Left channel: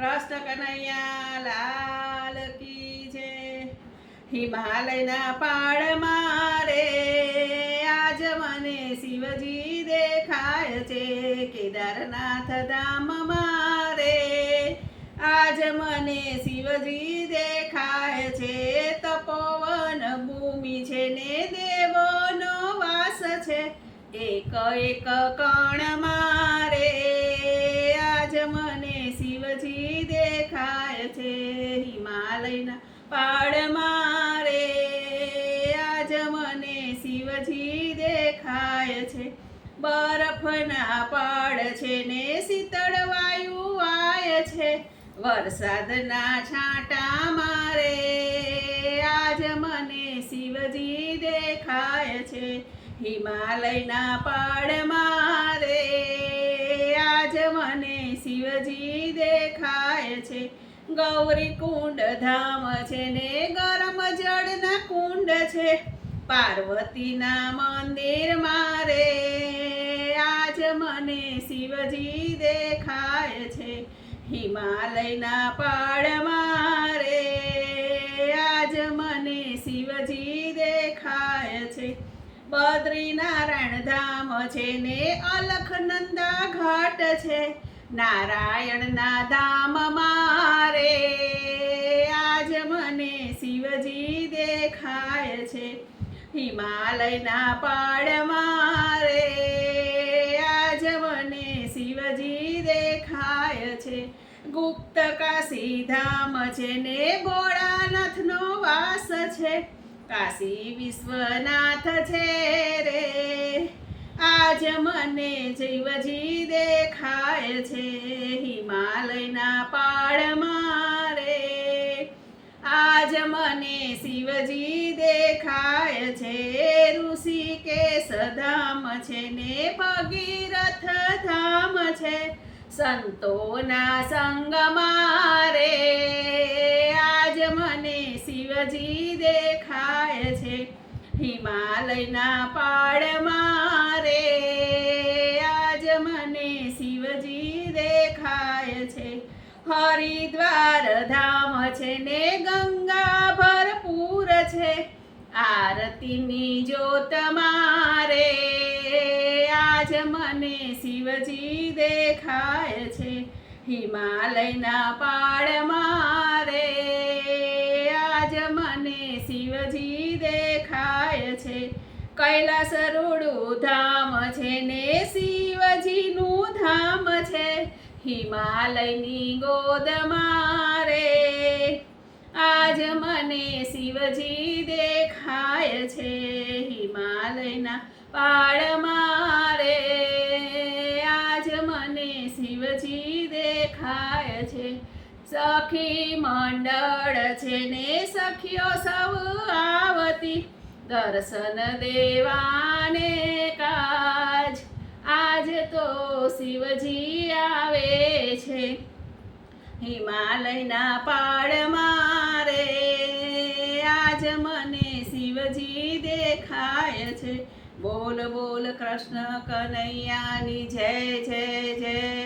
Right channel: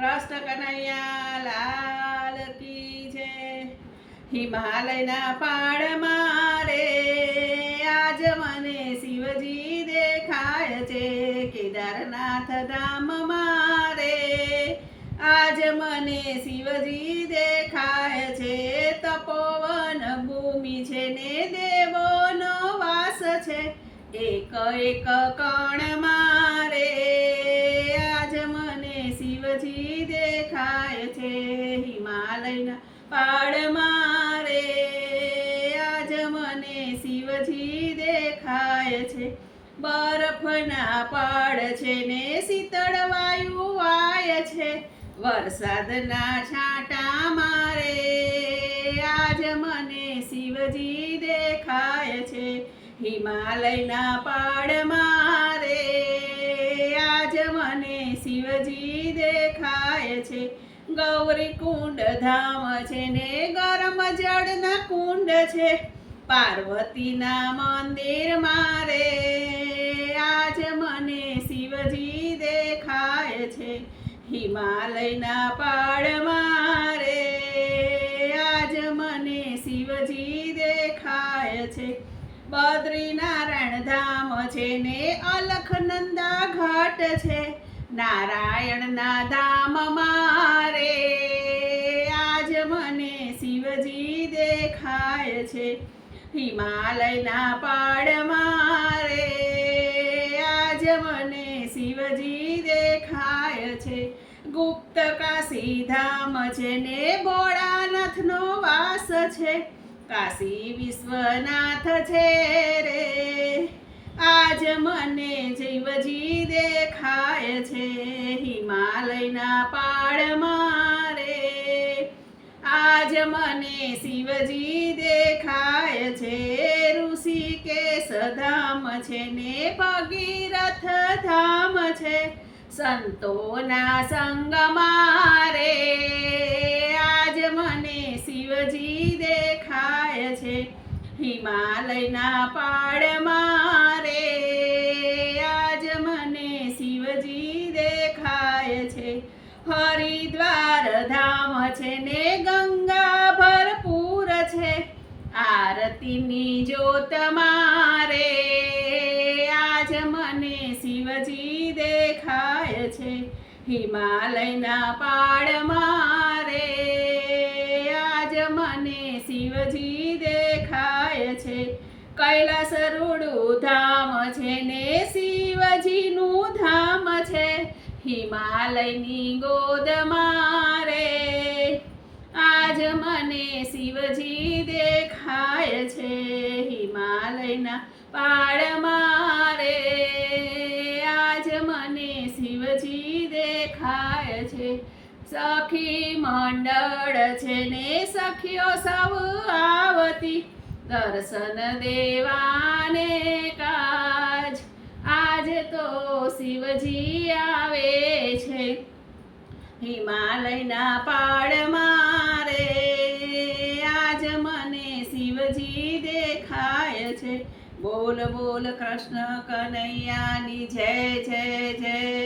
કૃષ્ણ કનૈયા લાલ કી છે હિમાલયના પાડમાં રે આજ મને શિવજી દેખાય છે કેદારનાથ ધામ મારે આજ મને શિવજી દેખાય છે તપોવન ભૂમિ છે ને દેવોનો વાસ છે એક એક કણ પાડ મારે. આજ મને શિવજી દેખાય છે. બરફના પાડ છે ને શીતળ વાયુ વાય છે. વરસાદના છાંટા મારે. આજ મને શિવજી દેખાય છે. હિમાલયના પાડ મારે. આજ મને શિવજી છે ગૌરી કુંડ ધામ છે ને ગરમ જળના કુંડ છે. પાર્વતીના મંદિર મારે આજ મને શિવજી દેખાય છે. હિમાલયના પાડ મારે આજ મને શિવજી દેખાય છે. બદ્રીનારાયણ ધામ છે ને અલખનંદા ઘાટ છે. નારાયણના ધામ હિમાલયના પાડમાં રે આજ મને શિવજી દેખાય છે. ગુપ્ત કાશી ધામ છે ને ભોળાનાથનો વાસ છે. કાશી વિશ્વનાથ છે રે. આજ મને શિવજી દેખાય છે. હિમાલયના પાડ મારે આજ મને શિવજી દેખાય છે ઋષિ કે સધામ છે ને ભગીરથ ધામ છે. સંતોના સંગ મારે આજ મને શિવજી દેખાય છે. હિમાલયના પાડમાં મારે આજ મને શિવજી દેખાય છે. હરિદ્વાર ધામ છે ને ગંગા આરતીની જ્યોત મારે, આજ મને શિવજી દેખાય છે. હિમાલયના પાડ મારે, આજ મને શિવજી દેખાય છે. કૈલાસ રૂડું ધામ છે ને શિવજીનું ધામ છે. હિમાલયની ગોદ મારે, આજ મને શિવજી દેખાય છે હિમાલયના પાડ મારે. આજ મને શિવજી દેખાય છે. સખી મંડળ છે ને સખીઓ સૌ આવતી. દર્શન દેવાને કાજ. આજ તો શિવજી આવે છે. હિમાલયના પાડ શિવજી દેખાય છે. બોલ બોલ કૃષ્ણ કનૈયાની જય જય જય.